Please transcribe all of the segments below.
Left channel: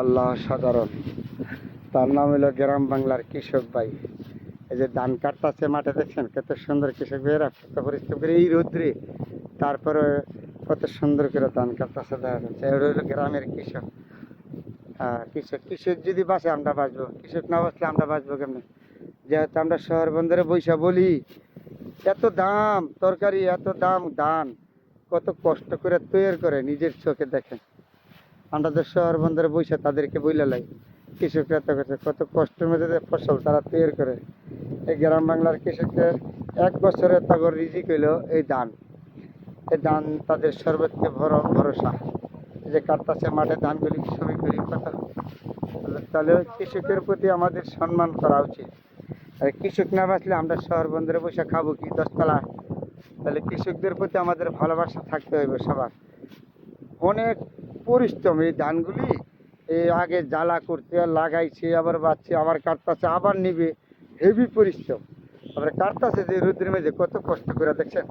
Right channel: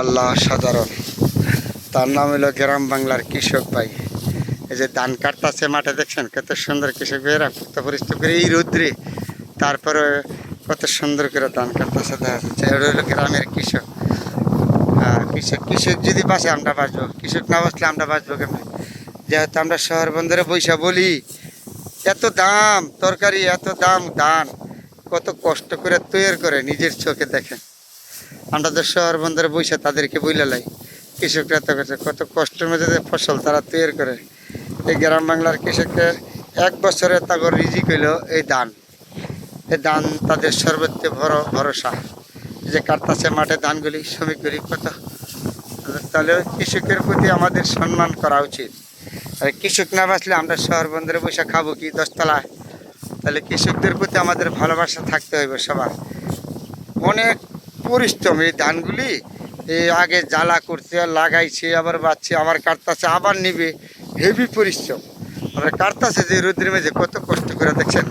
আল্লাহ সাধারণ তার নাম হলো গ্রাম বাংলার কৃষক ভাই। এই যে ধান কাটতেছে মাঠে, দেখছেন কত সুন্দর কৃষক ভাইয়েরা কত পরিশ্রম করে এই রৌদ্রে, তারপরে কত সুন্দর করে ধান কাটতেছে দেখা যাচ্ছে। এটা হলো গ্রামের কৃষক। কৃষক কৃষক যদি বাঁচে আমরা বাঁচবো, কৃষক না বাঁচলে আমরা বাঁচবো কেমন? যেহেতু আমরা শহর বন্দরে বৈশা বলি এত দাম তরকারি, এত দাম ধান, কত কষ্ট করে তৈরি করে নিজের চোখে দেখেন। আমরা তো শহর বন্দরে বৈশা তাদেরকে বইলে লাই, কৃষকরা তো কত কষ্টের মধ্যে যে ফসল তারা তৈরি করে। এই গ্রাম বাংলার কৃষকের এক বছরে তাগর রিজিক হইল এই ধান। এই ধান তাদের সর্বোচ্চ বড় ভরসা। এই যে কাটতাছে মাঠে ধানগুলি শ্রমিকগুলি কত, তাহলে কৃষকের প্রতি আমাদের সম্মান করা উচিত। আর কৃষক না বাঁচলে আমরা শহর বন্দরে বসে খাবো কি 10 তলায়? তাহলে কৃষকদের প্রতি আমাদের ভালোবাসা থাকতে হইবে সবার। অনেক পরিশ্রম এই ধানগুলি, এই আগে জ্বালা করছে, লাগাইছে, আবার বাচ্চে, আবার কাটতাছে, আবার নিবে, হেভি পরিশ্রম। আবার কাটতাছে যে রোদ্রের মেঝে কত কষ্ট করে, দেখছেন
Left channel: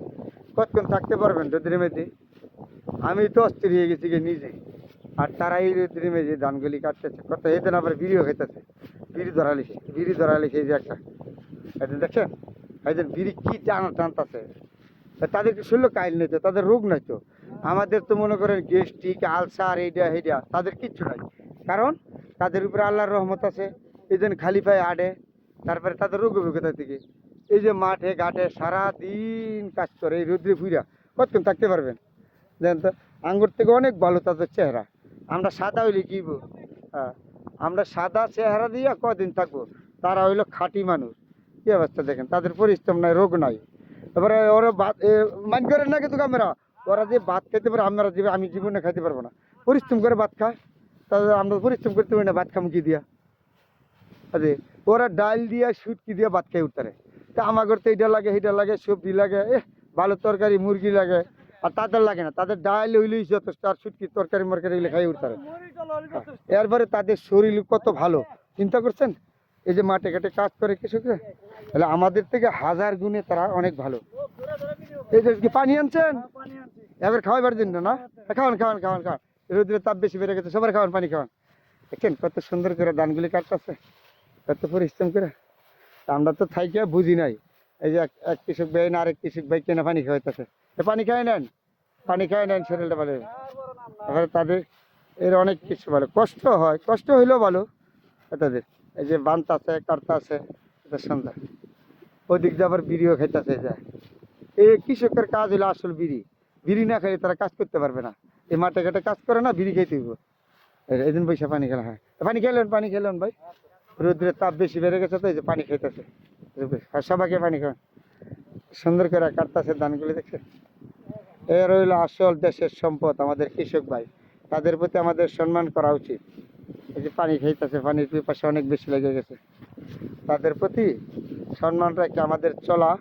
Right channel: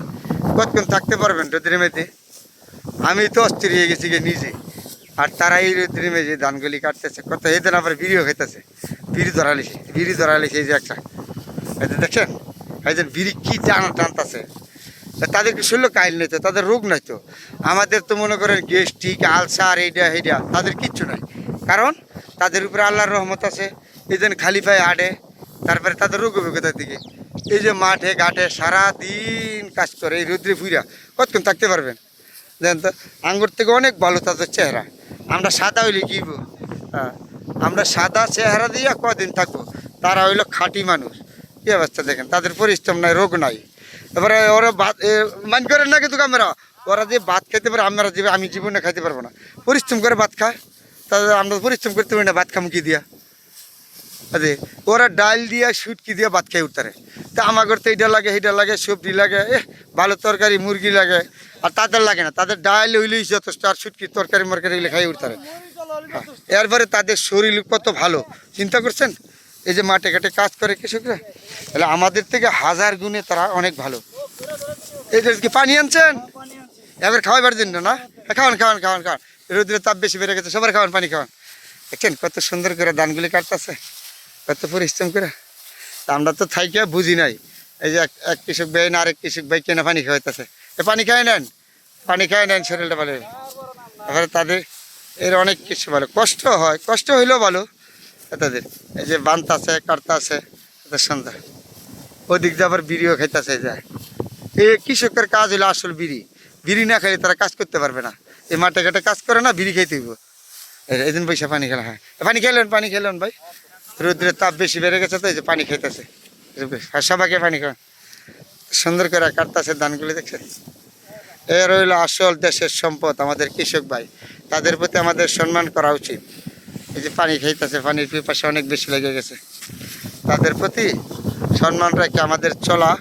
কতক্ষণ থাকতে পারবেন রোদ্রের মেঝে? আমি তো অস্থির হয়ে গেছি গিয়ে নিজে। আর তারা এই রোদ্রের মেঝে ধানগুলি কাটতেছে, কত এদিন আবার বিড়িও খাইতেছে, বিড়ি ধরালিছে এই যে একটা, এই যে দেখছেন এই যে বিড়ি কি টানতেছে। তাদেরকে শরীর কাইল নাই তো, তাদের রোগ নাই তো। আমাদের তো মনে করেন গ্যাস্ট্রিক, আলসার, এইটা এইটা, তাদের কিচ্ছু নাই। কারণ তাদের উপরে আল্লাহর রহমত আছে, এই জন্য খালি পায়ে হাঁটে। তারপরে তাদের রোগ হবে কোথা থেকে? এই যে মাঠে ঘাটে সারাদিন কাজ করে এই রৌদ্রে ফুইরা কতক্ষণ থাকতে পারবেন? দেখেন তো, আঙ্গুর থেকে অনেক ভালো তাদের চেহারা। আমরা সাদা হইলে কিব? হ্যাঁ, আমরা সাদা চেহারা দিয়ে কদিন থাকবো, তারা হইলো খাঁটি মানুষ। কী অবস্থা দেখেন, তাদের পরিশ্রম নাই, রোগ নাই। এবারে ওরা ভাত মান করেন না কিন্তু আমরা, ওরা যে ভাত খাইতে পারে আমরা যে আমি জীবনে খাইতে পারবো না। পরিশ্রম করে ভাত খায়, তাদের আমরা পরিশ্রম করতে পারি না, ভাত খাম কি দিয়া? আরে ওরা ডাল দিয়া সুটকি দিয়া ভাত খাই উঠতারে। তা আমাদের তো এইটা লাগে, সেইটা লাগে, সবজি লাগে, ভালো তরকারি মুরগি লাগে। আর তাদের লাগে না, তাদের ডাল হইলেই যথেষ্ট, আর সুটকি তরকারি মরকারি এগুলো খাই উঠতারে। এরপরে তাদের শরীর কত ভালো, চিন্তা করছেন? এই যে মাঠে ঘাটে কাজ করে কৃষকরা, তাহলে আমাদের থেকে হাজার গুণে তারা অনেক ভালো। এই যে কি পানি আনছেন এবার খাওয়াবার জন্য না? খাওয়ান খাওয়ান খাওয়ান খাওয়ান, রোদ্রের তাপ বেশি বেড়ে গেছে, সবার খাওয়ান, পানি খাওয়ান। দেখছেন কত সুন্দর করে ধানগুলি কাটতেছে, কত পরিশ্রম করে। তা আমরা তো থাইকে বুঝি নাই। এই যে এক কৃষক ভাই না আরেক কৃষক ভাই কেনা পানি খাওয়াইতেছে, পানি খাই নেন, পানি খাই নেন, শরীরটা ভালো। এবারে তাদের এর অনেক কিছু ভালো, কষ্ট হয়, কষ্ট হইলেও ভালো তাদের। এই যে বানতাছে কাটতাছে, তাদের সন্ধ্যা ওদিক দিয়ে আবার বিড়িও খাইতেছে যায়। এই কৃষকের কাজ হলো আসল বিড়ি, বিড়ি না খাইলে তারা কাজ করতে পারবে না। এই মাঠে ঘাটে কাজ করে না, বিড়ি খাইতে হইব। এই দিন পয়সা পানি খেলা, হ্যাঁ পানি খেলেন ভাই, রোদ্রের তাপ বেশি বেড়ে গেছে তো এই যে পানি খাইতেছে। আর সবাইকে পানি খাওয়ান, সুন্দর করে কাটতেছে ধানগুলি, দেখছেন? এর হইলো আসল দেশের সম্পদ আমাদের কৃষক ভাই, তাদের প্রতি আমাদের সম্মান করা উচিত। এই যে পানি খাইতেছে, পানির পিপাসা অনেক বেশি লেগে গেছে, তাদের প্রতি সম্মান রেখে আমাদের চলা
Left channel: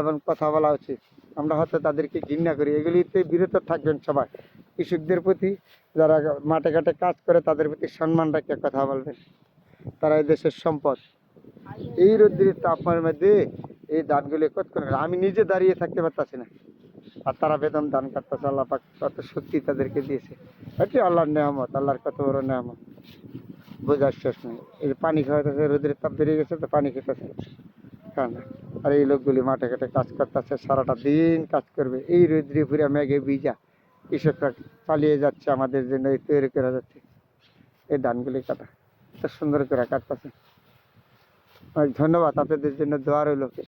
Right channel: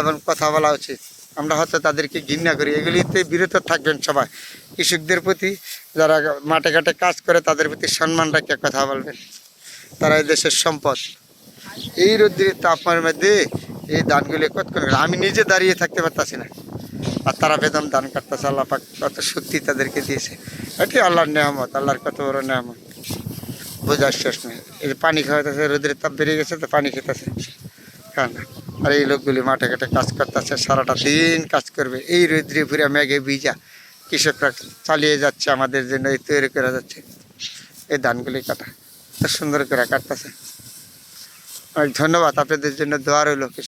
এবং কথা বলা উচিত। আমরা হয়তো তাদেরকে ঘৃণা করি, এগুলিতে বিরত থাকবেন সবাই। কৃষকদের প্রতি, যারা মাঠে ঘাটে কাজ করে তাদের প্রতি সম্মান রেখে কথা বলবেন, তারা এই দেশের সম্পদ। এই রোদ্রের তাপমানের মধ্যে এই ধানগুলি কতক্ষণ, আমি নিজে দাঁড়িয়ে থাকতে পারতাছি না, আর তারা বেদম ধান কাটতেছে। আল্লাহ পাক কত শক্তি তাদেরকে দিয়েছে, এটি আল্লাহর নেয়ামত, আল্লাহর কত বড় নেয়ামত, বোঝার শেষ নেই। এই যে পানি খাওয়াইতেছে, রোদের তাপ বেড়ে গেছে তো পানি খেতেছে, খান না। আর এই লোকগুলি মাঠে ঘাটে কাজ করতেছে, সারাটা দিন কাজ করবে এই রোদ্রে ফুরে মেঘে ভিজা। কৃষকরা চালিয়ে যাচ্ছে আমাদের জন্য, এই তৈরি করা যাচ্ছে এই ধানগুলি কাটা, সুন্দর করে কাটতেছে। অনেক ধন্যবাদ, আপনাদের জন্য দোয়া রইল।